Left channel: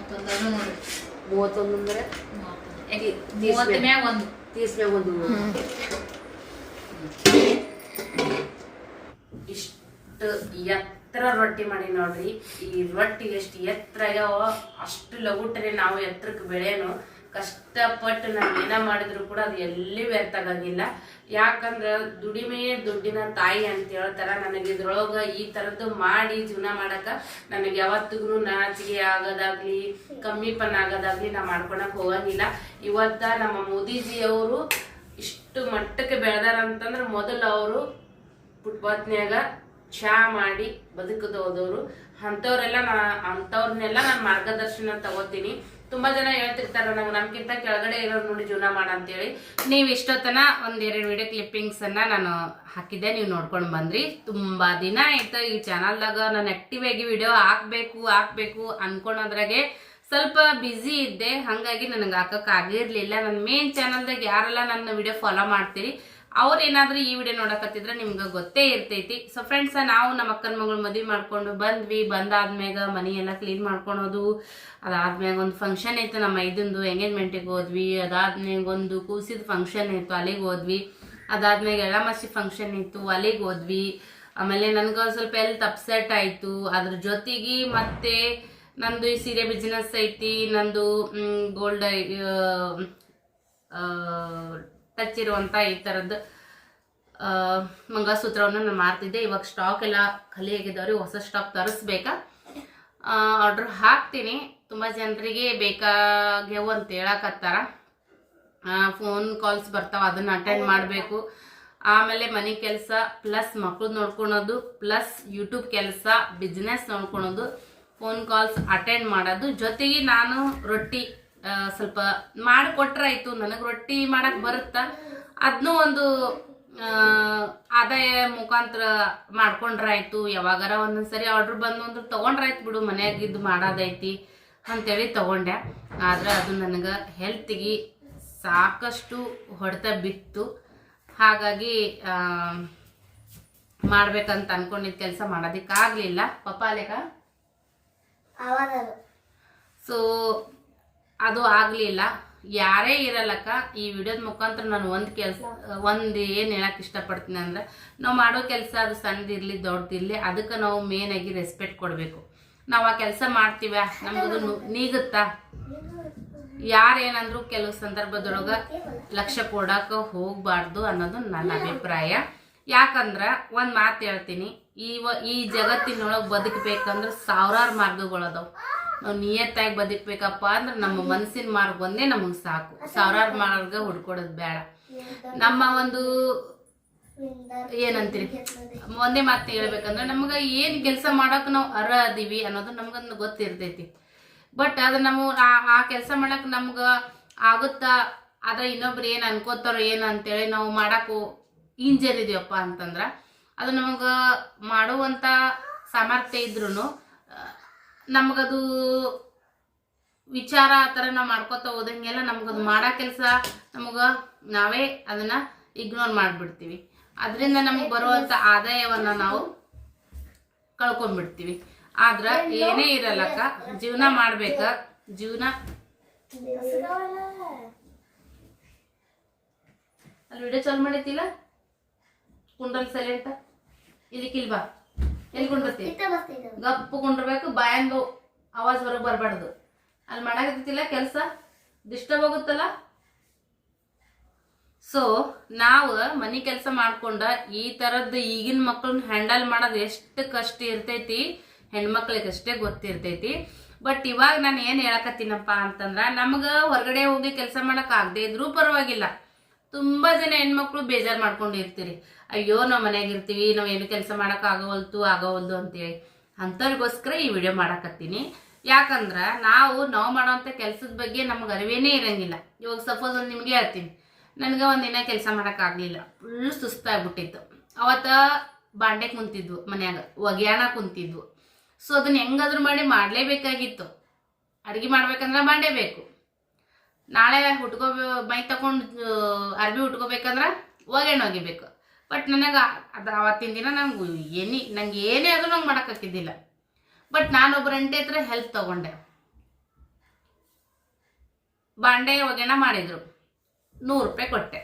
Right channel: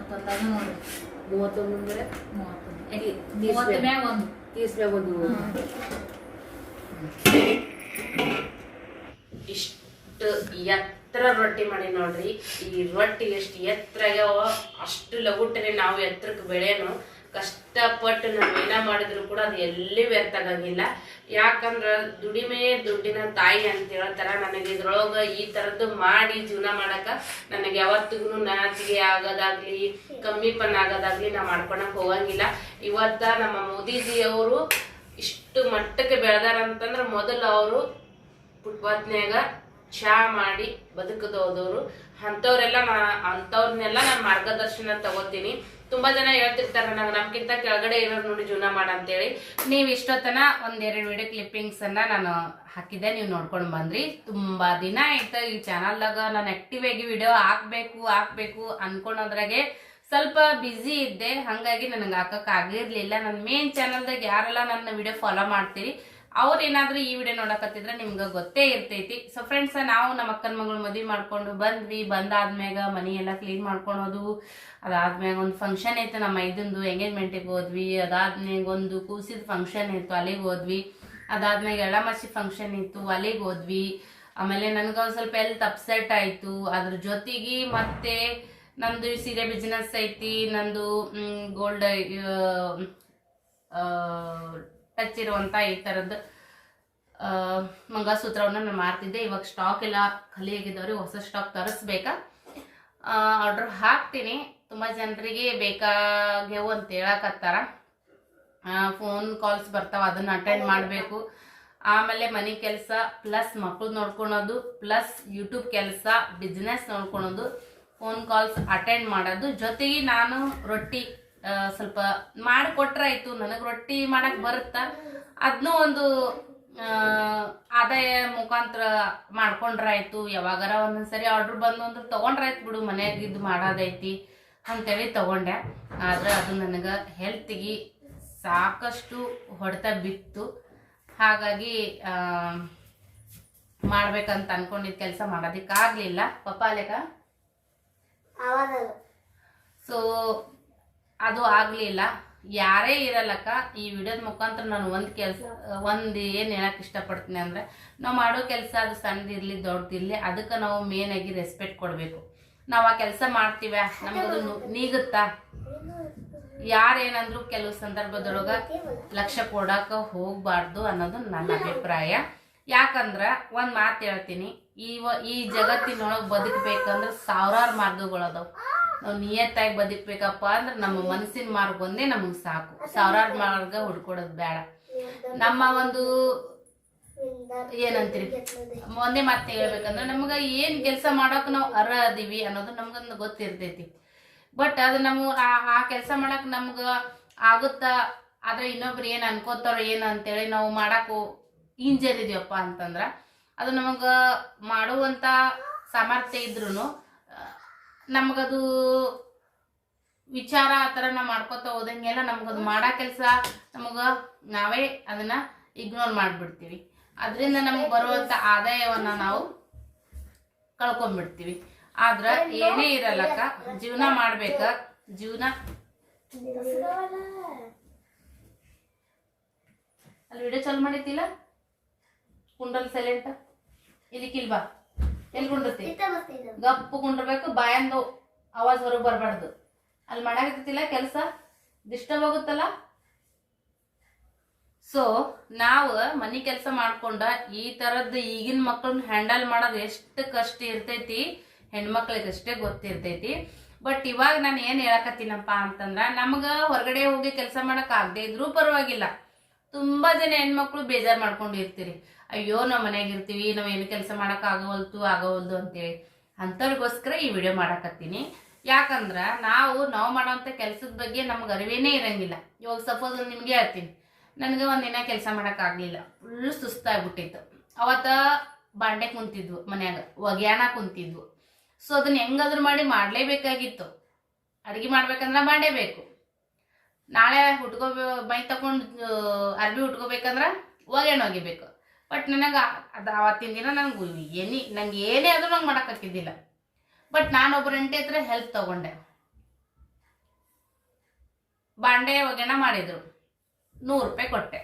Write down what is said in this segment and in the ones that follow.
ನೋಡಿ. ಮೂವತ್ತೊಂದು. ಅಂದ್ರೆ ಮೂವತ್ತೊಂದು. ಯಾಕೆ ಮೂವತ್ತ ಮ್ಯಾಗ ಒಂದು. ಒಂದು. ಇಷ್ಟು ಎತ್ತರ ರೊಟ್ಟಿ ಮಾಡಿ ನೋಡ್ರಿ. ಈ ರೊಟ್ಟಿ ಎಷ್ಟು ಎತ್ತರ ಆಗ್ಯಾವ ಅಷ್ಟು ಲಗುಟ್ರಿ ನಾವು ಎತ್ತರಕ್ಕೆ ಬೆಳೆಯೋನು. ಕಷ್ಟಪಟ್ಟು ನಾವು ಏನ ಮಾಡಿದ್ರು ಕೂಡ ಅದು ಎಲ್ಲಿ ವ್ಯರ್ಥ ಆಗಂಗಿಲ್ಲ ಯಾಕಂದ್ರೆ ದುಡಿಮೆ ದುಡ್ಡಿನ ತಾಯಿ ಅಂತ ಹೇಳ್ತಾರ, ನನಗೆ ಇದ್ರೊಳಗೆ ಈ ಥರದ್ದು ಮಾಡಿ ಜೀವನ ಮಾಡಕ ನನಗೆ ಯಾವತ್ತಿಗೂ ನಾಚಿಗೆ ಆಗೋದಾಗ್ಲಿ ಕಮ್ಮಿಪನ ಆಗೋದಾಗ್ಲಿ ನಾ ಮಾಡ್ಕೊಳಕ್ ಹೋಗಂಗಿಲ್ಲ. ಇವತ್ತ ನಮ್ಮ ಮೋದಿಜಿಯವರು ಇಷ್ಟು ಮಟ್ಟಕ್ಕೆ ಬೆಳೆದಾರ ಅಂತಂದ್ರ ಮೊದಲು ಅವರು ಫುಟ್ಪಾತ್ನ್ಯಾಗ ಚಾ ಮಾಡಿ ಬದುಕದೋದವರು. ಅಂಥವ್ರೆಲ್ಲ ನಾ, ಅಂಥವ್ರನ್ನೆಲ್ಲ ನಾನು ಮಾರ್ಗದರ್ಶನ ತಗೋತೀನಿ. ತುಂಬಾ ಜನ ಹೇಳ್ತಿರ್ತಾರ, ನಂಗೆ ನಮ್ಗಿಂತ ಕೆಳಗಡೆ ಇರೋರು ನೋಡಿ ಜೀವನ ಮಾಡ ಅಂತೇಳಿ. ನೀವು ಇಷ್ಟೊತ್ತನ ಒಂದೆರಡು ವಿಡಿಯೋ ಕ್ಲಿಪ್ಪಿಂಗ್ಸ್ ಅನ್ನ ನಾನು ಹಾಕಿದ್ದೆ, ನೀವು ನೋಡ್ಕೊಂಡು ಬಂದ್ರಿ. ತುಂಬಾ ದಿನ ಆಯ್ತು, ಈ ಚಾನಲ್ದಾಗ ನಾನು ಆಕ್ಟಿವ್ ಆಗಿ ವಿಡಿಯೋ ಹಾಕ್ಬೇಕು ಹಾಕ್ಬೇಕು ಅನ್ಕೊಂಡ್ರಾಗೆ ಸ್ವಲ್ಪ ಬ್ಯುಸಿ ಇದ್ದೆ. ಹಾಗಾಗಿ ನನಗೆ ಹಾಕಕ್ ಆಗಿರ್ಲಿಲ್ಲ. ನನ್ನ ಮೇನ್ ಚಾನಲ್ದಾಗ ಯಾರೆಲ್ಲ ನನ್ನ ವಿಡಿಯೋ ಫಾಲೋ ಮಾಡ್ತೀರಿ ಅವ್ರು ಏನಾದ್ರೂ ಈ ವಿಡಿಯೋ ನೋಡಕತ್ತಿದ್ರೆ ನಿಮ್ಗೆ ಗೊತ್ತೇ ಇರ್ತೈತಿ. ಸೊ ಫ್ರೆಂಡ್ಸ್ ನಾವು ನಮ್ಮ ಅಕ್ಕನ ಮಗಳು ಮದುವೆ ಮಾಡ್ಕೊಂಡು ಬಂದ್ವಿ. ಬಂದಾದ್ಮ್ಯಾಗ ಮನಿ ಎಲ್ಲ ಕ್ಲೀನ್ ಮಾಡ್ಕೊಳೋದು ಅದಾದ್ಮ್ಯಾಗ ಒಂದು ಫಂಕ್ಷನ್ ಇತ್ತು ನಮ್ಮ ಐದಂದು ಎಂಗೇಜ್ಮೆಂಟಿಗೆ ಹೋದ್ವಿ. ಅದಾದ್ಮ್ಯಾಗ ಒಂದು ಕೂಸಿದ ಫಂಕ್ಷನ್ ಇತ್ತು, ಅಲ್ಲಿಗೆ ಹೋದ್ವಿ. ಅದಾದ್ಮ್ಯಾಗ ಎಳ್ಳಮಸಿ ಫಂಕ್ಷನ್ ಇತ್ತು, ಅಲ್ಲಿಗೆ ಹೋದ್ವಿ. ಆಮೇಲೆ ನನ್ಗೆ ಒಂದು ಸ್ವಲ್ಪ ಎಲ್ತ್ ಅಪ್ಸೆಟ್ ಆಯ್ತು. ಅದ್ರ ಜೊತೆಗೆ ಮತ್ತೆ ನಂದು ಈ ಸೀರೆ ಬಿಸ್ನೆಸ್ ಐತಿ. ನಂದು ಗೋಲ್ಡ್ ಟಚ್ ಇರುವಂತ ಈ ಥರದ್ದು ಮಂಗಸೂತ್ರವನ್ನು ನಾನು ಮಾಡ್ತಿದ್ದೆ ಇವಾಗ ಸ್ಟಾಕ್ ಎಲ್ಲ ಖಾಲಿ ಆಗಿದ್ದಾವ್ರಿ ಹೊಸ ಸ್ಟಾಕ್ ತರಿಸ್ಬೇಕಾ? ಆರ್ಡ್ರ್ ಹಾಕ್ತೀನಿ. ತುಂಬ ಜನರಿಗೆ ಬೇಕಾಗ್ಯವು ಅಂತ ಹೇಳಕತ್ತಾರ. ಫೋನ್ ಕಾಲ್ಸ್ ಬರ್ತಾವ, ಅದನ್ನ ಅಟೆಂಡ್ ಮಾಡಬೇಕು. ಆಮೇಲೆ ಮನೆ ಕೆಲಸ ಪ್ಲಸ್ ಮಕ್ಳು ನೋಡ್ಕೊಳೋದು ಪ್ಲಸ್ ಯೂಟ್ಯೂಬ್ ಕೆಲಸ ಬಿಸ್ನೆಸ್ ನೋಡ್ಕೊಳೋದು ಫೋನ್ ಕಾಲ್ಸ್ ಅಟೆಂಡ್ ಮಾಡೋದು. ಜೊತೆಗೆ ನಾನು ರೊಟ್ಟಿ ಸ್ವಲ್ಪ ಮಾಡಿಕೊಟ್ರಾಯ್ತು ನನಗೆ ರೊಟ್ಟಿ ಮಾಡಕ್ಕೆ ಬರುತ್ತಾ. ಅದನ್ನೂ ಒಂದು ಆದಾಯ ಮುಖಾಂತರ ಮಾಡ್ಕೊಂಡ್ರಾಯ್ತು. ಯಾವಾಗಾರ ಒಂದೊಂದ್ಸರಿ ಆರ್ಡ್ರ್ ಬಂದು ಅಂದ್ರೆ ತಗೊಂಡ್ರಾಯ್ತು ಬಿಡು ಮನ್ಯಾಗಿದ್ದು ಮಾಡೋದೈತಿ ಅಂತೇಳಿ ತಗೊಂಡೆ. ಆದ್ರೆ ಅದು ನನಗೆ ಹೆಲ್ತಿಗೆ ಸಾಕಷ್ಟು ಹೊಡೆತ ಬಿತ್ತು. ಹಾಗಾಗಿ ಆ, ಮಾಡ್ಬೇಕಂತ ಅನ್ಕೊಂಡಿದ್ದ ಕೆಲಸ ಮಾಡೋದಕ್ಕಾಗಲಿಲ್ಲ. ಪಪ್ಪ ಅಲೆಕ ಸೊ ಅದು ಆಗಲಿಲ್ಲ. ಯಾರೇ ಇರಲ್ಲಕ್ಕ ಈ ವಿಡಿಯೋದ ಮುಖಾಂತರ ನಾನು ಒಂದು ಕೆಲಸ, ಒಂದು ಏನು ಹೇಳಕ್ಕೆ ಇಷ್ಟಪಡ್ತೀನಿ ಅಂದ್ರೆ, ನಾವು ಮಾಡೋ ಕೆಲಸ ಅದು ಸಣ್ಣದಿರಲಿ, ದೊಡ್ಡದಿರಲಿ, ಅದಕ್ಕೆ ನಾವು ಮೇನ್ ಆಗಿ ರೆಸ್ಪೆಕ್ಟ್ ಕೊಡಬೇಕು. ನಾವು ಆ ಕೆಲಸ ಮಾಡ್ತೀವ ನಮಗದು ನೀಗುತ್ತಾ? ಯಾರೇನಂದ್ರು ಕೆಲವು ಸಂದರ್ಭದೊಳಗೆ ಲಕ್ಷ್ಯ ಕೊಡೋಕೆ ಹೋಗಬಾರ್ದು ಅನ್ನೋದು ನನ್ನ ಅಭಿಪ್ರಾಯ. ಯಾಕಂದ್ರೆ, ಒಂದು ಮಾತು ಹೇಳ್ತೀನಿ, ಈ ಈ ಜಗತ್ತಿನೊಳಗೆ ಬದುಕಬೇಕಂದ್ರೆ ಸಾವಿರಾರು ಮಾರ್ಗಗಳದಾವ್ ನಾವು ನಿಯತ್ತಾಗಿ ಬದುಕಬೇಕಪ್ಪ ಅಂದ್ರೆ ನಮ್ಮ ಮನಸ್ಸಿನ ಮಾರ್ಗ ಒಂದೇ ನಮಗೆ ಸಾಕು. ಸಾವಿರಾರು ಮಾರ್ಗ ಹುಡ್ಕೊಡೋದು ಬೇಡ. ನಮ್ಮ ಒಂದು ಏನಂತೀರಿ? ಒಂದೇ ಮಾತು ಹೇಳ್ಬೇಕಂದ್ರೆ ನಮ್ಗೆ ಏನ್ ಕೆಲಸ ಮಾಡಕ್ ನಾವು ಅರ್ಹ ಅದೀವಿ ಅನ್ನೋದು ನಮ್ಗೊಂದು ಗೊತ್ತಿರ್ತೈತಿ. ಬಟ್ ಅದು ನಮಗೆ ಆ- ಆ ಕೆಲಸ ಮಾಡಕ್ ನಮ್ಗ ಆಗುತ್ತಾ? ಆದ್ರೆ ಇನ್ನೊಬ್ರು ಏನ್ ಅನ್ಕೋತಾರೋ ಏನ್ ಅಂತೇಳಿ ನಾವು ಮಾಡಕ್ಕು ಇಂಜರ್ ಇದೀವಪ್ಪ ಅಂತಂದ್ರ ಅದು ನಮಗ ಮಾಡುವಂತ ಸಾಮರ್ಥ್ಯ ಇದ್ರೂ ನಮಗದು ವಿಚಾರ ಆ ಥರ ನಾವು ಮಾಡ್ಕೋತ ಹೋದಂಗೆಲ್ಲ ನಮಗದು ಮಾಡೋ ಕೆಲಸ ನಮಗೆ ನಾವೇ ಅದನ್ನು ಇಗ್ನೋರ್ ಮಾಡಿಬಿಡ್ತೀವಿ. ಅದರಿಂದ ನಮಗೆ ಬರುವಂಥ ಆದಾಯವನ್ನು ನಾವು ಕಳ್ಕೊಂಡ್ಬಿಡ್ತೀವಿ. ಆದ್ರೆ ಏನೇ ಇರಲ್ಲಕ್ಕ ಜೀವನ ಮಾಡ್ಬೇಕ, ಜೀವನ ಅಲ್ಲಿ ವಿಡಿಯೋ ಚಾಲು ಮಾಡೈತಿಲ್ಲ ಕುಂಡಲ್ ಸೈಲೆಂಟ್ ಇಲ್ಲಿ ಬಾ. ಎಲ್ಲಿ ಕುಂಡ್ರತಿ ಗಪ್ಪು ಕುಂಡ್ರಬೇಕು ಬಾಯಂದು ಆವಾಜ್ ಹೊರಗೆ ಬರಬಾರ್ದು. ಅಲ್ಲಿ ಮಾಡಾಕತ್ತಿಲ್ಲ ಕೆಲಸ? ಡಿಸ್ಟರ್ಬ್ ಆಗುತ್ತಲ್ಲ? ಸೊ ನಾವು ಮನೆ ಕೆಲಸ ಮಾಡ್ಕೊಂಡ ಈ ತರದ್ದು ಈಗಿನ ಮಕ್ಕಳನ್ನ ಹ್ಯಾಂಡಲ್ ಮಾಡೋದು ಎಷ್ಟು ಕಷ್ಟ ಇರ್ತೈತಿ ಹೆಣ್ಮಕ್ಳಿಗೆ ಅಷ್ಟೇ ಗೊತ್ತಿರ್ತೈತಿ. ಬಟ್ ಇವಾಗ ನಾನು ಏನು ಹೇಳಕತ್ತೀನಪ್ಪ ಅಂತಂದ್ರ ನಮ್ಗ ಹೊರಗಡೆ ಹೋಗಿ ಕೆಲಸ ಮಾಡಕ್ ಆಗದೆ ಇದ್ರೂ ಪರವಾಗಿಲ್ಲ. ತುಂಬಾ ಜನ ಹೆಣ್ಮಕ್ಳು ಬೇಜಾರ್ ಮಾಡ್ಕೊಂಡು ಇರ್ತೀರಿ ಅಯ್ಯೋ, ನಾವು ಮನೆಯಾಗ ಇರ್ತೀವಿ, ನಾವು ಏನು ಕೆಲಸ ಮಾಡಕ್ ಆಗೋವಲ್ದು ಅಂತೇಳಿ. ಅಂಥವ್ರಿಗೋಸ್ಕರ ಈ ವಿಡಿಯೋ ಮಾಡಕತ್ತೀನಿ. ಯಾಕಂದ್ರೆ ನಾವು ನಾವು ಮಾಡೋವಂಥ ಕೆಲಸದ ಬಗ್ಗೆ ನಮ್ಗೆ ಅರಿವೇನೇ ಇರಂಗಿಲ್ಲ. ಇವಾಗ ಸಪೋಸ್ ಒಂದು ನಿಮಗೆ ಹೇಳ್ತೀನಿ. ನನಗೆ ಒಂದಿನ ಕೆಲಸ ಮಾಡೋಕ್ಕಾಗಲಿಲ್ಲ ಫುಲ್ ಸುಸ್ತಾಗ್ಬಿಟ್ಟಿತ್ತು. ಅವತ್ತು ಬಾಂಡೆ ಕುಂತಿದ್ವು ಮನ್ಯಾಗ, ಒಗ್ಯಾಣ ಕುಂತಿದ್ವು. ಸೊ ಅದನ್ನ ಹೆಂಗಾದ್ರೂ ಮಾಡಿ ಮಾಡಲೇಬೇಕಾಗಿತ್ತು. ಅಡುಗೆ ಮಾಡ್ಬೇಕಂದ್ರೆ ಬೇಕು. ನಾಳೆ ಹುಟ್ಕೋಬೇ ಮೈ ತಗೊಂಡು ಅರ್ಬಿ ಉಟ್ಕೋಬೇಕಂದ್ರೆ ಒಗ್ಯಾಣ ಒಗಿಬೇಕು. ಬಟ್ ನನಗೆ ಅದು ಆವತ್ತಿನ ದಿನ ನಂಗೆ ಏನಿ ನಂಗೆ ಏನೇ ಆದರೂ ನಂಗೆ ಮಾಡೋಕ್ಕಾಗಿದ್ದಿಲ್ಲ ಬಟ್ ನಾನು ಅಂಟೆ ಹತ್ರ ಹೆಲ್ಪ್ ತಗೊಂಡೆ. ಬಾಂಡೆ ಒಗೆಣ ಮಾಡಿದರು. ನೂರು ರೂಪಾಯಿ ಕೊಟ್ಟೆ.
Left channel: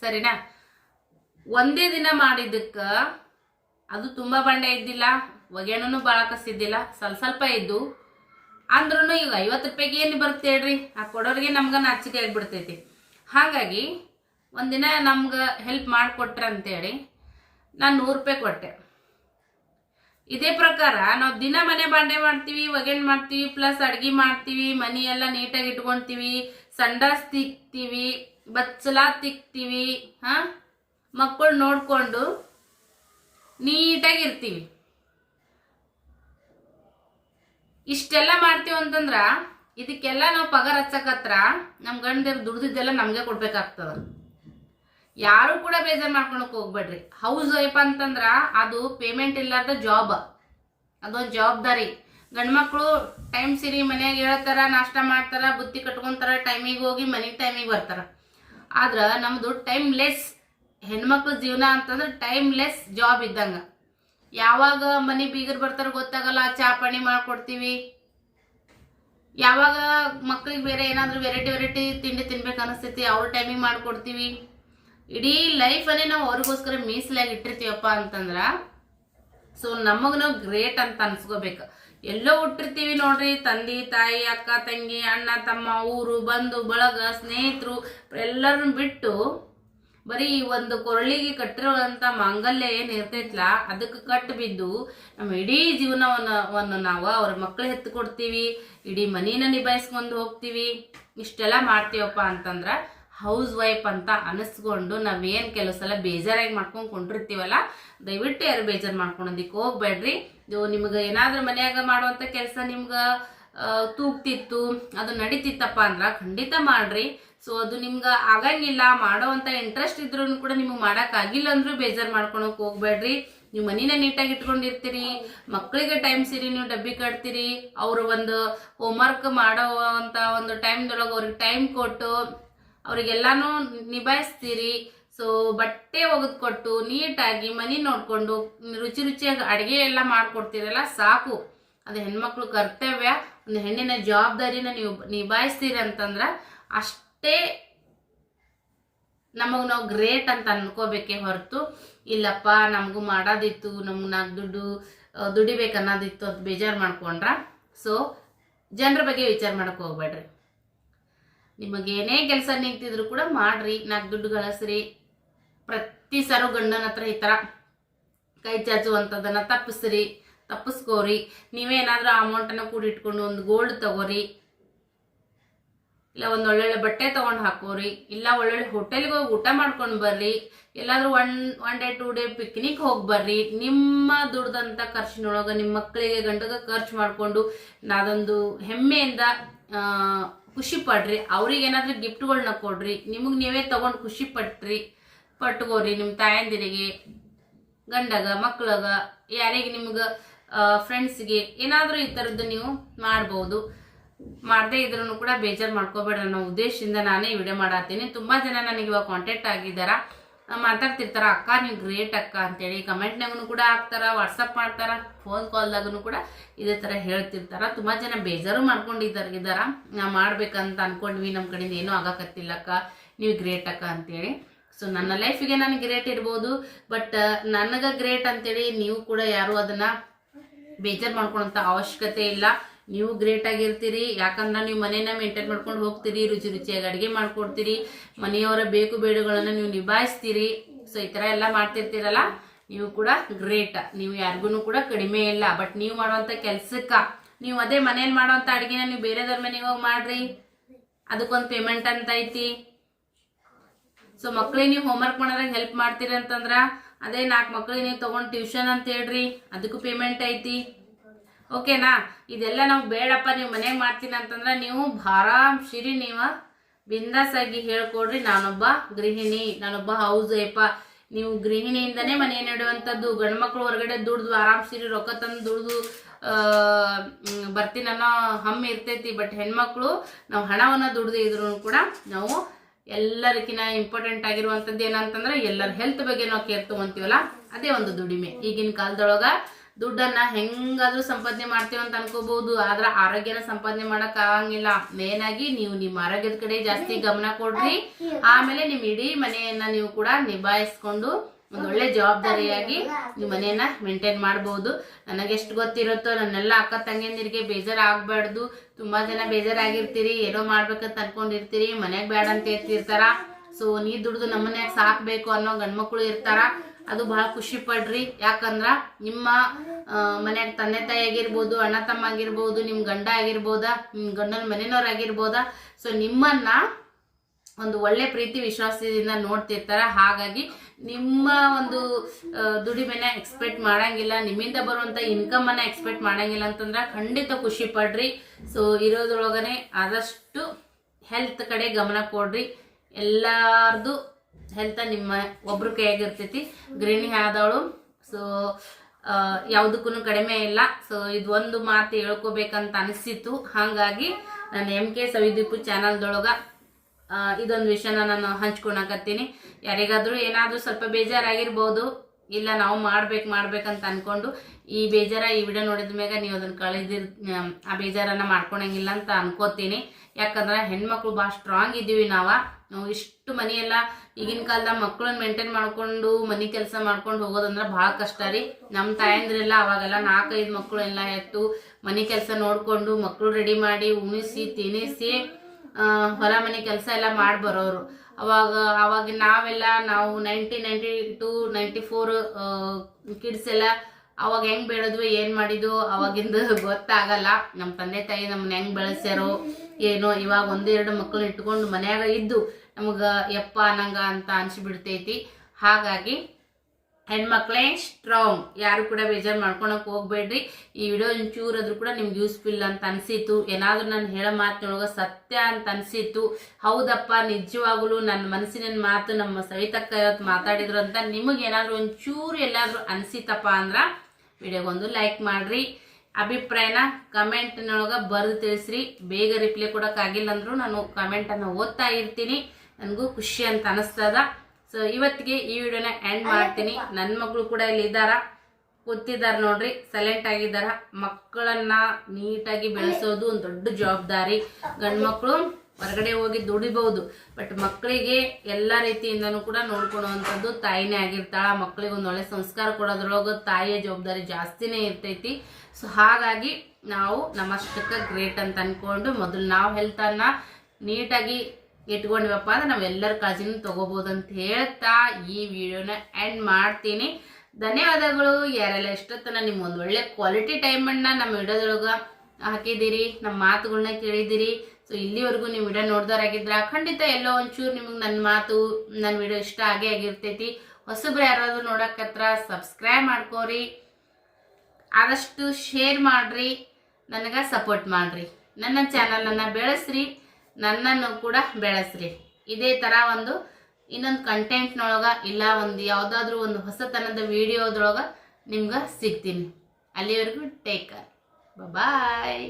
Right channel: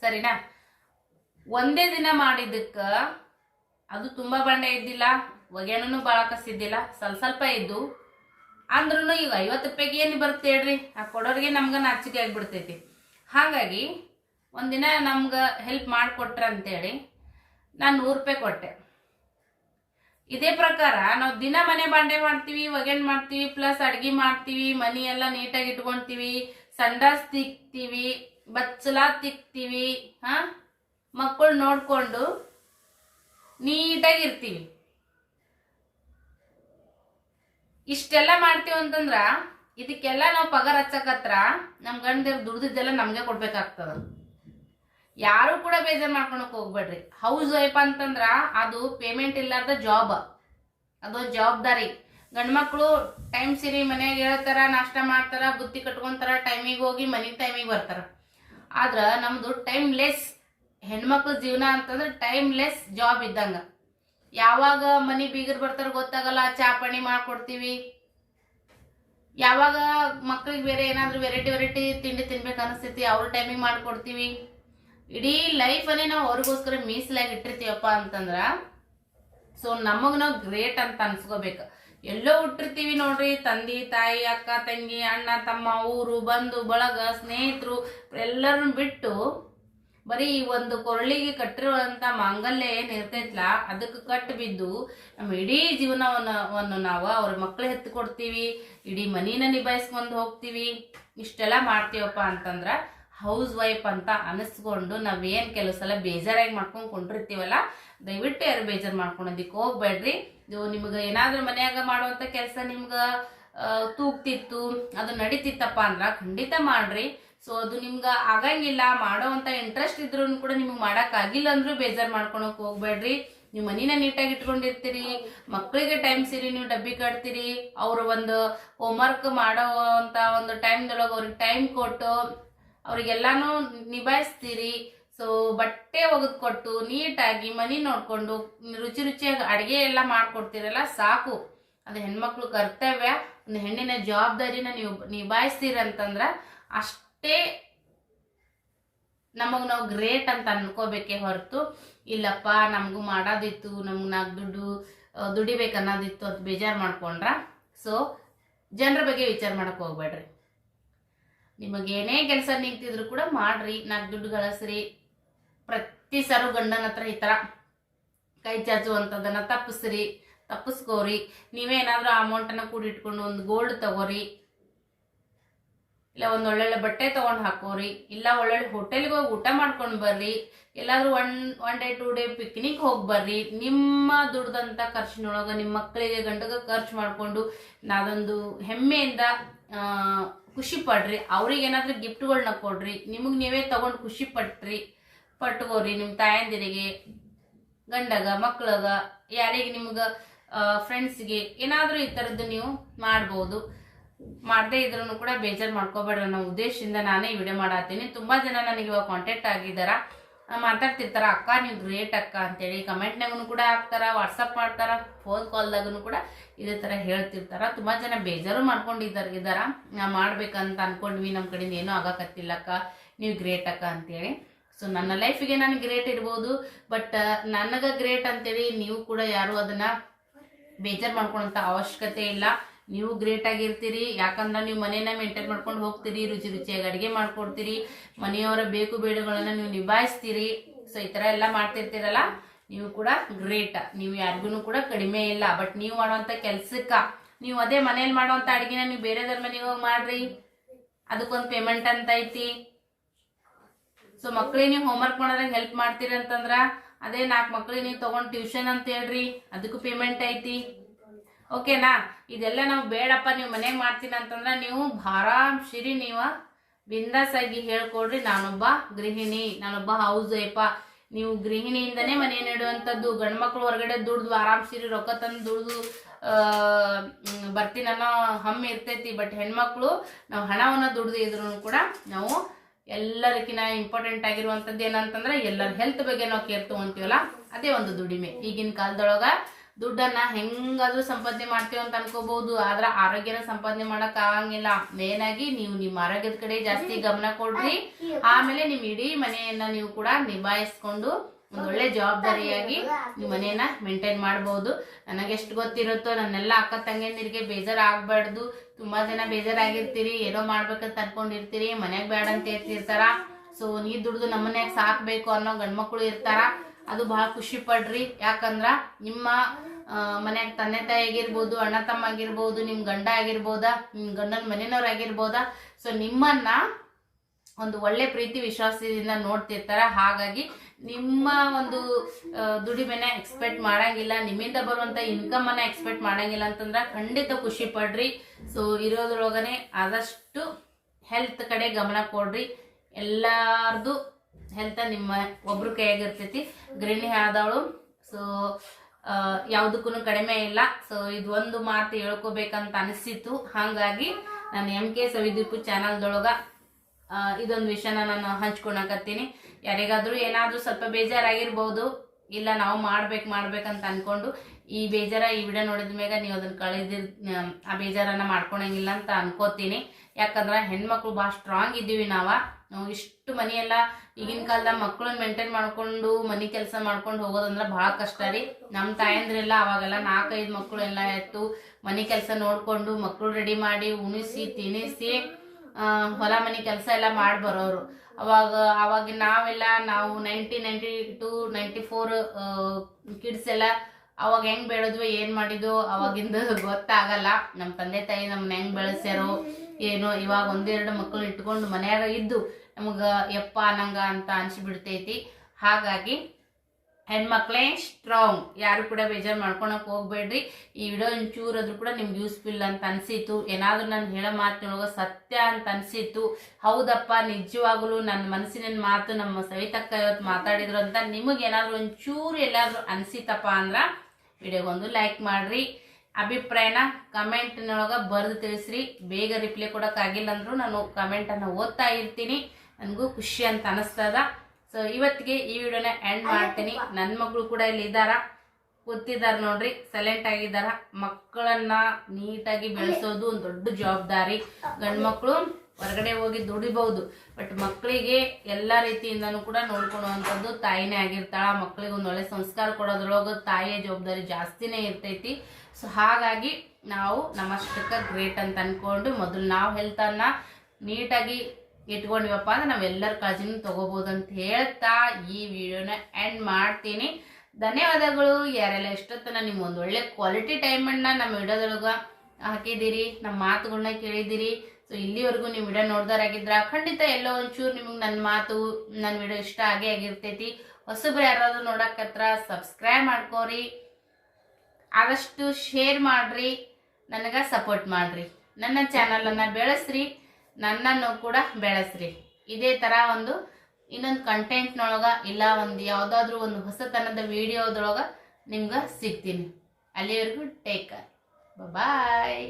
ಸರಿನಾ? ಒಂದೇ ದಿನ ಮಾಡಿದ್ದಕ್ಕೆ ಅದು ತುಂಬ ಬಾಂಡೆ ಇದ್ದಿಲ್ಲ, ಒಗೆನೂ ಭಾಳ ಕಸಿದ್ದಿಲ್ಲ, ಸ್ವಲ್ಪ ಸ್ವಲ್ಪ ಇದ್ದು. ಅಂದ್ರೂ ಈಗ ಐವತ್ತು ರೂಪಾಯಿಗೆ ಏನು ಬರುತ್ತೆ ಹೇಳ್ರಿ? ಆ ಕೊಡೋರಿಗೆ ನಮ್ಗೆ ನಾಚಿಕೆ ಆಗಿಬಿಡ್ತೈತಿ. ಹಾಗಾಗಿ ಒಂದಿನ ನಮ್ಗೆ ಹೆಲ್ಪ್ ಮಾಡಿಕೊಟ್ರೆ ಅಂತೇಳಿ ನಾನು ನೂರು ರೂಪಾಯಿ ಕೊಟ್ಟೆ. ಇದೇ ಪ್ರಕಾರ ನಾವು ದಿನ ಮನೆ ಬಾಂಡೆ ಮಾಡ್ತೀವಿ ಒಗೆಣ್ ಮಾಡ್ತೀವಿ ಪ್ಲಸ್ ಅಡ್ಗೆ ಮಾಡ್ತೀವಿ, ಮನಿ ಎಲ್ಲ ನೀಟಾಗಿ ಇಟ್ಕೊತೀವಿ, ಸಂಡಾಸ್ ತಿಕ್ತೀವಿ, ಬಚ್ಚಲ ತಿಕ್ತೀವಿ, ಹಾ? ಮಕ್ಕಳು ನೋಡಿಕೊಂಡು ನೀಟಾಗಿ ಇರ್ತೀವಿ. ಇಷ್ಟೆಲ್ಲ ಮಾಡ್ತೀವಿ ಅಂತಂದ್ರ ಇದಕ್ಕೆಲ್ಲ ನಾವು ಪಗಾರ ಹಚ್ಚಕತ್ರ ನಮ್ಮ ಗಂಡರ್ ದುಡ್ದಿದ್ದೆಲ್ಲ ನಮಗೆ ಕೊಡ್ಬೇಕಾಗ್ತದ. ಯಾರು ಕೂಡ ಬೇಜಾರ್ ಮಾಡ್ಕೊಳಕ್ ಹೋಗ್ಬೇಡ್ರಿ. ಹೌಸ್ ವೈಫ್ ಅಂತಂದ್ರ ಅದು ಪೇಮೆಂಟ್ ಇಲ್ಲಾರ್ದ ಜಾಬ್ ಅದೊಂದು ಜವಾಬ್ದಾರಿ. ಗಂಡ್ಮಕ್ಳು ಟೈಮ್ ಸಿರಿ, ಮನೆಯಾಗ ಹೇಳ್ತಾರ, ನಾಷ್ಟ ಮಾಡ್ತಾರ, ಬುತ್ತಿ ಕಟ್ಕೊಂತಾರ ಟೈಮಿಗೆ ಹೋಗಿ ಮನೆ ಟೈಮಿಗೆ ಬರ್ತಾರ. ಆದ್ರ ನಮ್ದು ಟೈಮ್ ಲೆಸ್ ಹೆಣ್ಮಕ್ಳ ಜೀವನ ಅಂತಂದ್ರೆ ಟೈಮ್ ಲೆಸ್ ಜಾಬ್ ಇದ್ದಂಗ. ಯಾವಾಗ ಮನೆ ಬೀಗರ್ ಬರ್ತಾರ ಗೊತ್ತಾಗಲ್ಲ ಚಾಪಣಿ ಮಾಡ್ಕೊಡ್ತೀವಿ. ಯಾವಾಗ ಮಕ್ಳಿಗೆ ಬೇರೆ ಏನಾದ್ರೂ ವೆರೈಟಿ ವೆರೈಟಿ ತಿಂಡಿ ತಿನ್ಬೇಕು ಅನಿಸ್ತೈತಿ, ಅವ್ರ ಟೈಮಿಗೆ ಮಾಡ್ಕೊಡ್ತೀವಿ. ಇಡೀ ಲೈಫಲ್ಲಿ ನಾವು ಅವ್ರಿಗೋಸ್ಕರ ಮೀಸಲಾಗಿ ಇಟ್ಟಿರ್ತೀವಪ್ಪ ಅಂತಂದ್ರ ಸೊ ನಮಗ್ ನಾವು ಗ್ರೇಟ್ ಅಂತ ಅನ್ಸ್ಕೋಬೇಕು. ಎಲ್ಲೋ ಹುಟ್ಟಿರ್ತೀವಿ ನೋಡ್ರಿ, ತಂದೆ, ತಾಯಿ, ಅಕ್ಕ, ತಂಗಿ, ಅಣ್ಣ, ತಮ್ಮ, ಊರು, ಬಂಧು, ಬಳಗ, ಸ್ನೇಹಿತರು, ಎಲ್ಲರನ್ನ ಬಿಟ್ಟು ಬರೀ ಒಂದು ಕೊರಳಿಗೆ ಕಟ್ಟಿರುವಂತ ಮಾಂಗಲ್ಯ ಏನ್ ಇರ್ತೈತ್ಲ ಅದಕ್ಕೆ ಕಟ್ಟು ಬಿದ್ದು ನಮ್ಮ ಇಡೀ ಜೀವನವನ್ನು ನಾವು ಅವ್ರ ಮಕ್ಕಳು ಎತ್ತು ಕೊಡ್ತೀವಿ ಇಡೀ ಮನಿನ ನಿಭಾಯಿಸ್ಕೊಂಡು ಹೋಗ್ತೀವಿ, ಇಷ್ಟೆಲ್ಲ ಮಾಡ್ತೀವಪ್ಪ ಅಂತಂದ್ರ ಹೌಸ್ ವೈಫ್ ಅಂತ ಅನಿಸ್ಕೊಂಡು ನಾವೇನು ಕೆಲವು ಸಲ ಬೇಜಾರಾಗಿ ಮಾಡ್ಕೊಂಡು ಕೊಂಡಿರ್ತೀವಲ್ಲ, ದಯವಿಟ್ಟು ಯಾರು ಬೇಜಾರು ಮಾಡ್ಕೊಳೋದಿಕ್ಕೆ ಹೋಗ್ಬೇಡ್ರಿ. ಇದು ನಿಮ್ಗೆ ಏನಾದರೂ ಮನ್ಯಾಗ ಮಾಡುವಂಥ ಕೆಲಸ ನಿಮ್ಗೆ ತೂಗ್ತಿತ್ತು, ಅದು ನಡೀತಿತ್ತಪ್ಪ ಅಂದ್ರೆ ಖಂಡಿತ ಮಾಡ್ರಿ. ಸೊ ಅದು ನಿಮ್ಗೆ ಆಗಂಗಿಲ್ಲ ಮಾಡೋವಂಥ ಇಂಟ್ರೆಸ್ಟ್ ಇದ್ರೂ ಕೂಡ ನಿಮ್ಗೆ ಮಾಡೋಕ್ಕಾಗಿಲ್ಲ ಅಂದ್ರೂ ಬೇಜಾರು ಮಾಡ್ಕೊಳಕ್ಕೆ ಹೋಗ್ಬೇಡ್ರಿ. ನೀವು ಮನಿನ ನೀಟಾಗಿ ಇಟ್ಕೊಂಡಿರ್ತೀರಿ ಮಕ್ಕಳಿಗೆ ಟೈಮ್ ಸಿರಿ, ನೀವು ಡಬ್ಬಿ ಕಟ್ತೀರಿ, ಅವರು ಒಂದು ಹೋಮ್ವರ್ಕ್ ಅಂತ ಒಂದು ಟೈಮ್ದೊಳಗೆ ಅವ್ರಿಗೆ ಟೈಮ್ ಕೊಟ್ಟು ಅವ್ರಿಗೆಲ್ಲಾನು ನಿಭಾಯಿಸ್ತೀರಿ. ಸೊ ಬಟ್ಟೆ ಒಗೆದು ಕೊಟ್ಟು ನೀಟಾಗಿ ಮನಿ ನೋಡಿಕೊಂಡು, ರುಚಿ ರುಚಿಯಾಗಿ ಅಡುಗೆ ಎಲ್ಲ ಮಾಡ್ಕೊಡ್ತೀರಲ್ಲ, ಸಾಕು. ಅದು ಹೆಣ್ಮಕ್ಳು ಕರ್ತವ್ಯ. ಒಂದು ಹೆಣ್ಣಿನ ಜವಾಬ್ದಾರಿನ ನೀವು ನಿಭಾಯಿಸ್ತೀರಿ ಅಂತಂದ್ರೆ, ಅಷ್ಟೇ ನಮಗೆ ನಾವು ಗ್ರೇಟ್ ಅಂತ ಅನ್ಕೋಬೇಕೇ ಹೊರತು. ಇಲ್ಲಪ್ಪ, ನಮಗೂ ಮಾಡೋದಿತ್ತು, ನಮ್ಗೆ ನಾಲ್ಕು ದುಡ್ಡು ದುಡಿಬೇಕು ಅನ್ನೋದಿತ್ತು ಅಂತ ಬೇಜಾರು ಮಾಡ್ಕೊಂಡ್ರ. ಸೊ ಜನರ ಬಗ್ಗೆ ವಿಚಾರ ಮಾಡಕ್ ಹೋಗ್ಬೇಡ್ರಿ. ನಿಮಗೆ ಏನೇ ಕೆಲಸ ನಿಂತಿದ್ರು ಕೂಡ ಮಾಡ್ರಿ ನಾಲ್ಕು ದುಡ್ಡು ಗಳಿಸ್ರಿ ಪ್ರತಿ ಸಾರು ಗಂಡನ ಹತ್ರ ಈ ಥರ ಕೈ ಚಾಚುವಂಥದ್ದನ್ನು ತಪ್ಪಿಸ್ರಿ, ತಪ್ಪಿಸ್ಕೋರಿ. ನೀವೇನಾದರೂ ಅಮೌಂಟನ್ನು ಕೂಡಿಟ್ಕೊಂಡು ಒಂದು ಗೋಲ್ಡ್ ತಗೋರಿ, ಇಲ್ಲ ಒಂದು ಒಳ್ಳೊಳ್ಳೆ ಬಟ್ಟೆ ತೊಗೊಂಡು ಹಾಕೋರಿ, ಇಲ್ಲ ಒಳ್ಳೊಳ್ಳೆ ಹೋಟೆಲ್ಗೆ ಹೋಗಿ ಊಟ ಮಾಡ್ಕೊಂಡು ಬರ್ರಿ, ಎಲ್ಲಾದ್ರೂ one one day two day picnic ಹೋಗಿ ಬರ್ರಿ. ನಿಮ್ಮ ದುಡ್ದಂತ ಖರ್ಚಿನೊಳಗೆ ನಿಮ್ಮ ಮಕ್ಕಳಿಗೆ ಗಂಡಗ ಖರ್ಚು ಮಾಡಿಕೊಂಡು ನಾದೊಂದು ಹೆಮ್ಮೆಯಿಂದ ಖುಷಿ ಪಡ್ರಿ. ಅವ್ರಿಗೆ ಏನಾದ್ರೂ ಗಿಫ್ಟ್ಗಳನ್ನ ಕೊಡ್ರಿ. ನಿಮಗೆ ನೀವೇ ತಗೊಂಡು ಖುಷಿ ಪಟ್ರಿ. ಪಟ್ಕೋರಿ ನಿಮ್ಮ ತಾಯಂದಿರಿಗೆ, ಗಂಡಗ ಮಕ್ಕಳಗ ಯಾರಿಗೆ ನಿಮ್ಗೆ ಫ್ರೆಂಡ್ಸ್ಗೆ ಏನಾದರೂ ಈ ಥರದ್ದು ನೀವು ಮಾಡ್ಬೋದು. ಮಾಡದೇ ಇದ್ರೂ ಕೂಡ ಬೇಜಾರು ಮಾಡ್ಕೋಬೇಡ ಅನ್ನೋ ಉದ್ದೇಶದಿಂದ ನಾನೇ ಈ ವಿಡಿಯೋ ಮಾಡತ್ತೀನಿ. ತುಂಬ ಜನ ನನಗೆ ಇವಾಗ ಕಾಂಟ್ಯಾಕ್ಟ್ ಆಗಿದ್ದಾರ ಮಾತಾಡ್ತಿರ್ತಾರ, ಅಕ್ಕ, ನೀವು ಗ್ರೇಟ್ ಅಕ್ಕ ಅಂತೇಳಿ ಕಮೆಂಟ್ನಾಗೂ ಕೂಡ ಹಾಕ್ತಾರ ವಾಟ್ಸಪ್ ಮಾಡ್ತಾರ ಫೋನ್ ಕಾಲ್ದಾಗೂ ಕೂಡ ಇದೇ ಥರ ಹೇಳ್ತಿರ್ತಾರ. ತುಂಬ ಜನ ಬೇಜಾರು ಮಾಡ್ಕೊಂಡಿದ್ದಾರೆ ಇದಾರ ನಾ ಮಾಡ್ಬೇಕಂತ ಅನ್ಕೊಂಡ್ವಿ ನಮ್ಮ ಕಡೆಯಿಂದ ಏನೂ ಆಗಾಕತ್ತಿಲ್ಲಕ್ಕ ನೀವು ಗ್ರೇಟ್ ಅಕ್ಕ ಅಂತೇಳಿ. ಸೊ ನನ್ನ ಲೈಫಿಗೆ ನಾನು ಗ್ರೇಟ್ ಇರ್ಬೋದು ಬಟ್ ನನಗೆ ಗ್ರೇಟ್ ಅಂತೇಳಿ ನೀವು ಕೂಡ ಯಾರು ಅದನ್ನ ಬೇಜಾರು ಮಾಡ್ಕೊಳಂತ ಅವಶ್ಯಕತೆ ಇಲ್ಲ. ನೀವು ಗ್ರೇಟ್ ಆಗಿರ್ತೀರಿ. ಯಾಕಂದ್ರೆ ನೀವು ಮನೇನ ಮೇಂಟೈನ್ ಮಾಡ್ಕೊಂಡು ಹೋಗ್ತೀರಿ, ರುಚಿ ರುಚಿಯಾಗಿ ಅಡುಗೆ ಮಾಡ್ಕೊಡ್ತೀರಿ. ಮನೆಯವರ ಬೇಕು ಬೇಡುಗಳನ್ನು ನೀವು ನಿಭಾಯಿಸ್ತೀರಿ. ಸೊ ಈ ಥರ ಎಲ್ಲ ಮಾಡ್ತಿರ್ತೀರಲ್ಲ, ನೀವು ಕೂಡ ಗ್ರೇಟ್ ನೀವು ಯಾರಿಗೂ ಕೂಡ ಕಡಿಮೆ ಇಲ್ಲ. ಬಟ್ ನೀವು ಮಾಡುವಂಥ ಕೆಲ್ಸಕ್ಕ, ನೀವು ಅದೇ ಮನೇಲಿ ಮಾಡುವಂಥ ಅಡುಗೆನ ನೀವು ಬೇರೆದವ್ರ ಮನೆಗೆ ಹೋಗಿ ಮಾಡ್ರಿ. ಅದಕ್ಕೊಂದು ಪೇಮೆಂಟ್ ಅಂತ ಐತಿ. ಸೊ ಮಕ್ಳಿಗೆ ನೀವು ಹೋಮ್ವರ್ಕ್ ಮಾಡೋದಾಗ ಹೆಲ್ಪ್ ಮಾಡ್ತೀರಿ ಅಂತಂದ್ರೆ ಅದೇ ನಾಲ್ಕು ಮಕ್ಳಿಗೆ ನೀವು ತಗೊಂಡು ಟ್ಯೂಷನ್ ಅಂತ ಹೇಳ್ರಿ. ಅದಕ್ಕೂ ಪೇಮೆಂಟ್ ಐತಿ. ಓಕೆನಾ? ಇದೆಲ್ಲ ನಾವು ಬೇಡಪ್ಪ, ನೀವು ಮನೆಗೆ ಮಾಡ್ತೀನಿ ಅಂತಂದ್ರೆ ನೀವು ಆರಾಮ್ ಶಿರಿ ನೀವು ಬಿಂದಾಸ್ ಆಗಿ ಹೇಳ್ಕೊಡ್ರಿ. ನಾನೊಬ್ಬ ಗೃಹಿಣಿ, ನಾನೊಬ್ಬ ಹೌಸ್ ವೈಫ ನೀವು ಗೃಹಿಣಿಯಿಂದನೇ ಮನೆ ನೆಡುವಂಥದ್ದು, ಗಂಡು ಮಕ್ಕಳು ಹೊರಗಡೆ ದುಡ್ದು ಆರಾಮ್ ಸಿರಿ, ರೊಕ್ಕ ತಂದು ದುಡ್ದು ಬರ್ತೀನನ್ನೋ ಹಮ್ಮಿ ಇರ್ತೈತಿ. ಬಟ್ ಹೆಣ್ಮಕ್ಳು, ನಾವು ಹಣವನ್ನು ದುಡ್ದು ಇದ್ರೂ ಕೂಡ ನಾವು ಎಲ್ಲರಿಗಿನ ಇಂಪಾರ್ಟೆಂಟ್ ಆಗಿರುವಂಥದ್ದು ಏನಂತಂದ್ರೆ ಎಲ್ಲರ ಹೆಲ್ತ್ ಬಗ್ಗೆ ನಾವು ಕೇರ್ ತೊಗೊಂತೀವಲ್ಲ? ಅದೇ ಒಂದು ದುಡಿಮೆ. ಈಗಿನ ಕಾಲದೊಳಗ ದುಡ್ಡನ್ನ ಹೆಂಗಾದ್ರೂ ಸಂಪಾದನೆ ಮಾಡ್ತೀವಿ ಅಂತ ಅನ್ಕೋಬಹುದು ಆದ್ರ ಆರೋಗ್ಯನ ಸಂಪಾದನೆ ಮಾಡಕ್ ಆಗಂಗಿಲ್ಲ. ಮೇನ್ ಆಗಿ ನೀವು ನಿಮ್ಮ ಆರೋಗ್ಯದ ಕಡೆ ಜಾಸ್ತಿ ಗಮನ ಕೊಡ್ರಿ. ಆಮೇಲೆ ನಿಮ್ ಇಡೀ ಮನೆಯನ್ನ ನೀವು ಕೂಡ ನಿಭಾಯಿಸ್ಕೊಂಡು ಒಂದ್ ಒಳ್ಳೆ ಜವಾಬ್ದಾರಿಯಾಗಿ ನಿಮ್ ಮನೆಯನ್ನ ಮೇಂಟೈನ್ ಮಾಡಬಹುದು ನನಗೆ ಎಷ್ಟು ಗೊತ್ತಿರುತ್ತೋ ನನ್ನೆಲ್ಲ ಅಕ್ಕ ತಂಗಿಯಂದಿರಿಗೆ ಬೇಜಾರ್ ಆಗ್ಬಾರ್ದು ತುಂಬಾ ಜನ ಬೇಜಾರಾಗಿರ್ತೀರಿ ಏನೋ ಮಾಡ್ಬೇಕಂತ ಅನ್ಕೊಂಡಿರ್ತೀರಿ ಮನೆಗ್ ಬೇಡ ಅಂತ ಇರ್ತಿರ್ತಾರ ಸೊ ನೀ ದುಡ್ದು ನಮ್ಮ ಮನ್ಯಾಗ ಸಾಕ್ಬೇಕು ಅನ್ನೋ ಗಂಡ್ಮಕ್ಳು ಇರ್ತಾರ. ಅದು ಬಹಳ ಖುಷಿ ಪಡ್ರಿ. ಯಾಕಂದ್ರ ನಿಮ್ಮ ಮನ್ಯಾಗ ತಂದೆ ತಾಯಿ ಆಗಿರ್ಬೋದು ಅಣ್ಣ ತಮ್ಮ ಆಗಿರ್ಬೋದು ನಿಮ್ ಗಂಡ ಆಗಿರ್ಬೋದಾ, ನಿಮ್ ಗಂಡನ ಮನೆಯವ್ರ ಆಗಿರ್ಬೋದಾ ಸೊ ನಿಮ್ಮನ್ನ ಒಂದು ಒಳ್ಳೆ ಪ್ರೀತಿ ವಿಶ್ವಾಸದಿಂದ ನೋಡ್ತಿರ್ತಾರ. ಹಾಗಾಗಿ ನಿಮ್ಮ ಒಂದು ದುಡಿಮೆನ ಎಕ್ಸ್ಪೆಕ್ಟ್ ಮಾಡಂಗಿಲ್ಲ, ನಿಮ್ಮಿಂದ ಬರುವಂತ ಇನ್ಕಮ್ ಅನ್ನ ಎಕ್ಸ್ಪೆಕ್ಟ್ ಮಾಡಂಗಿಲ್ಲ ಅಂತಂದ್ರ ಖಂಡಿತ ಖುಷಿ ಪಡ್ರಿ. ಸೊ ಇರೋದ್ರೊಳಗನೆ ಆದಷ್ಟು ಹೆಲ್ತ್ ಕಡೆ ಗಮನ ಕೊಡ್ರಿ. ಎಲ್ಲಾರ್ದು ಹೆಲ್ತ್ ನಿಮ್ಮ ಒಬ್ರು ಕೈಯಾಗಿರ್ತೈತಿ ಗೃಹಿಣಿ ಆದವಳು ಸೊ ಯಾವುದಕ್ಕೂ ಕಡಿಮೆ ಇಲ್ಲ. ಸೊ ಇದು ಒಂದು ಮಾತು ಹೇಳ್ಕೋಬೇಕಂತ ಅನಿಸ್ತಿತ್ತು. ಹಾಗಾಗಿ ನಾನು ಎಂ ಕೆ ಸವಿದೀಪು ಚಾನಲ್ದೊಳಗೆ ಇದೊಂದು ವಿಷಯನ ನಾನು ಹಂಚ್ಕೊಳಕತ್ತೀನಿ ಯಾರಿಗಾದ್ರೂ ಏನಾದರೂ ಸ್ವಲ್ಪ ಬೇಜಾರಾಗಿರ್ಬೋದು, ಇಲ್ಲ ನಾವು ಮಾಡ್ಬೇಕು ಮಾಡ್ಬೇಕಂತ ಅನ್ಕೊಂಡು ಈ ಬೇಜಾರ ಈ ವಿಡಿಯೋ ನೋಡಿದ ಮ್ಯಾಗ ನೀವು ಅದನ್ನ ಕಳೆದಿರ್ ಆ ಬೇಜಾರನ್ನ ಮಾಡ್ಕೊಳಂಗಿಲ್ಲ ಅಂತ ಅನ್ಕೋತೀನಿ. ಯಾಕಂದ್ರೆ ಹೆಣ್ಮಕ್ಳು ಭಾಳ ಸ್ಟ್ರಾಂಗ್ ಇದ್ದೀವಿ ನಾವು. ನಾವು ಇಷ್ಟು ಮನೆಯೆಲ್ಲ ಈಗಿನ ಕಾಲದಾಗ ಮಕ್ಕಳನ್ನ ಮೇಂಟೈನ್ ಮಾಡ್ಕೊಂಡು, ಮನೆ ಕೆಲಸ ಮಾಡ್ಕೊಂಡು ಹೋಗೋದಂದ್ರೆ ಭಾಳ ಕಷ್ಟ ರೀ. ನಮ್ಮ ತಾಯಂದ್ರೆಲ್ಲ ಅವಾಗೆಲ್ಲ ನಾಲ್ಕೈದು ಮಕ್ಕಳು ಎಲ್ಲ ಎತ್ತು, ಮನೆ ಕೆಲಸ ನೋಡಿಕೊಂಡು ಮಕ್ಕಳು ರೆಡಿ ಮಾಡಿ ಉಣಿಸಿ ತಿನ್ನಿಸಿ ಹೊಲ ಮನೆ ಕೆಲಸ ಎಲ್ಲ ಮಾಡಿ ಬರೋರು. ಅವಾಗ ಅವಾಗ ನಾವೆಲ್ಲ ನಾವು ninety ninety two ninety four kids ಎಲ್ಲ ಅವಾಗ ಹೆಂಗ್ ಬೆಳೆದ್ವಿ, ಏನ್ ಮಾಡಿದ್ವು, ಅವಾಗಿಂದ ಗೊತ್ತಾಗಲ್ಲ. ನಮ್ಮ ತಂದೆ ತಾಯಿ ನಮ್ಮನ್ನ ಹೆಂಗ್ ಬೆಳೆಸ್ಯಾರೋ, ಏನೋ, ಇವಾಗ ಒಂದೆರಡು ಮಕ್ಕಳು ಇಟ್ಕೊಂಡು ಮನ್ಯಾಗ ಇದ್ದು ನಮಗ ಯಪ್ಪ ಅನ್ನಂಗ ಅಂತ ಅನ್ಸಿಬಿಡ್ತೈತಿ. ಹಾಗಾಗಿ ಹೆಣ್ಮಕ್ಳೇ ಸ್ಟ್ರಾಂಗ್ ಯಾರು ಕೂಡ ಬೇಜಾರು ಮಾಡ್ಕೊಳಕ್ ಹೋಗ್ಬೇಡ್ರಿ. ಈ ವಿಡಿಯೋ ಒಂಚೂರಾದ್ರೂ ಕೂಡ ನಿಮ್ಗೆ ಯೂಸ್ಫುಲ್ ಅಂತ ಅನ್ಸಿತ್ತು. ಏನಾದ್ರೂ ನಾನು ಹೇಳೋ ಮಾತಿನೊಳಗ ಸತ್ಯ ಅಂತ ಅನ್ಸಿತ್ತು. ಹೌದಪ್ಪ, ನಿಜವಾಗಲೂ ನನ್ನ ಮನಸ್ಸಿನ ಮಾತು ನಮ್ಮ ಸವಿತಕ್ಕ ಇವತ್ತು ಮಾತಾಡಿದ್ರು ಅಂತ ನಿಮಗೆ ಏನಾದ್ರೂ ಒಂಚೂರು ಎಲ್ಲಾದ್ರೂ ಅನ್ಸಿತಪ್ಪ ಅಂದ್ರ ವಿಡಿಯೋಗೊಂದು ಲೈಕ್ ಮಾಡ್ರಿ. ಅಭಿಪ್ರಾಯನ ಕಮೆಂಟ್ನೊಳಗೆ ಬರೆದು ತಿಳಿಸ್ರಿ. ಬೇಗ ರಿಪ್ಲೈ ಕೊಡೋಕ್ಕಾಗಿಲ್ಲ ಅಂದರೂ ನಾನು ಕಮೆಂಟನ್ನು ಓದ್ತಾ ಇರ್ತೀನಿ. ನನಗೂ ಖುಷಿ ಅಂತ ಅನಿಸ್ತದ. ಸೊ ಇವತ್ತಿಗೆ ಈ ವಿಡಿಯೋನ ಎಂಡ್ ಮಾಡ್ತೀನಿ. ನನ್ನ ಮಗಳು ಕೂಡ ಇಲ್ಲಿ ಇದ್ದಾರ ಕೂತಿದ್ದಾರೆ ನೋಡ್ರಿ. ಸೈಲೆಂಟ್ ಆಗಿದ್ದಾರ. ಮಕ್ಕಳನ್ನ ನೀಟಾಗಿ ಬೆಳೆಸೋದು ಒಂದು ದೊಡ್ಡ ಜವಾಬ್ದಾರಿ. ಗಂಡ್ಮಕ್ಳು ಹೊರಗಡೆ ಹೋಗಿ ದುಡಿಬಹುದು. ಬಟ್ ಮಕ್ಕಳಿಗೆ ಎಲ್ಲ ರೀತಿಯಿಂದನೂ ಕೂಡ ನೋಡ್ಕೊಳ್ಳುವಂಥದ್ದು ತಾಯಿನೇ ಆಗಿರ್ತಾಳ ಮಕ್ಕಳಿಗೆ ಒಂದು ಒಳ್ಳೆ ಸಂಸ್ಕಾರ ಕೊಡೋದ್ರೊಳಗೆ ತಾಯಿಯ ಜವಾಬ್ದಾರಿ ಜಾಸ್ತಿನೇ ಇರ್ತೈತಿ. ಸೊ ಹಾಗಾಗಿ ನಾವು ನಮ್ಮಷ್ಟಕ್ಕೆ ಗ್ರೇಟ್ ಅಂತ ಅನ್ಕೊಂಡು ಮೊದಲು ನಾವು ಹೆಲ್ತನ್ನ ನೀಟಾಗಿ ಇಟ್ಕೊಂಡಿವಪ್ಪ ಅಂದ್ರೆ ನಾವೆಲ್ಲರ ಕಾಳಜಿನೂ ತಗೋಬಹುದು ಅಂತ ಹೇಳ್ತಾ ಈ ವಿಡಿಯೋನ ಎಂಡ್ ಮಾಡ್ತೀನಿ. ಧನ್ಯವಾದಗಳು. ಯಾರೆಲ್ಲ ಇಷ್ಟೊತ್ತನ ನಿಮ್ಮ ಒಂದು ಒಳ್ಳೆ ಕ್ವಾಲಿಟಿ ಟೈಮನ್ನ ನಮ್ಮ ವಿಡಿಯೋದೊಳಗೆ ಹಾಕಿದ್ದೀರಿ, ನಮ್ಮ ಮಾತುಗಳನ್ನ ಕೇಳಿದಿರಿ ಸೊ ಇಲ್ಲಿವರೆಗೂ ನೀವು ವಿಡಿಯೋ ನೋಡ್ದಾರಾಗಿದ್ರ ಖಂಡಿತ ಎಲ್ಲೋ ಒಂಚೂರು ನಿಮಗೆ ನನ್ನ ಮಾತು ನನ್ನ ವಿಡಿಯೋ ಇಷ್ಟ ಆಗೇ ಆಗಿರ್ತೈತಿ. ಹೊಸಬ್ರು ಯಾರಾದರೂ ನೋಡೋಕತ್ರ ಸಬ್ಸ್ಕ್ರೈಬ್ ಮಾಡ್ಕೋರಿ. ಆದಷ್ಟು ಶೇರ್ ಮಾಡ್ರಿ. ನನಗೆ ಸಪೋರ್ಟ್ ಮಾಡ್ರಿ. ನನ್ನ ಚಾನಲನ್ನು ಬೆಳೆಸ್ರಿ. ನನ್ನನ್ನು ಕೂಡ ಬೆಳೆಸ್ರಿ. ಇದೇ ಥರ ಒಂದು ಇನ್ನೊಂದು ಕಂಟೆಂಟ್ನೊಳಗೆ ಇಲ್ಲ ಒಂದು ಯಾವುದಾದ್ರೂ ಒಂದು ಹೊಸತನದ ವಿಡಿಯೋದ್ರೊಳಗೆ ನಿಮ್ಗೆ ಸಿಗ್ತೀನಿ. ಅಲ್ಲಿವರೆಗೂ ಟೇಕ್ ಕೇರ್ ಬಾಯ್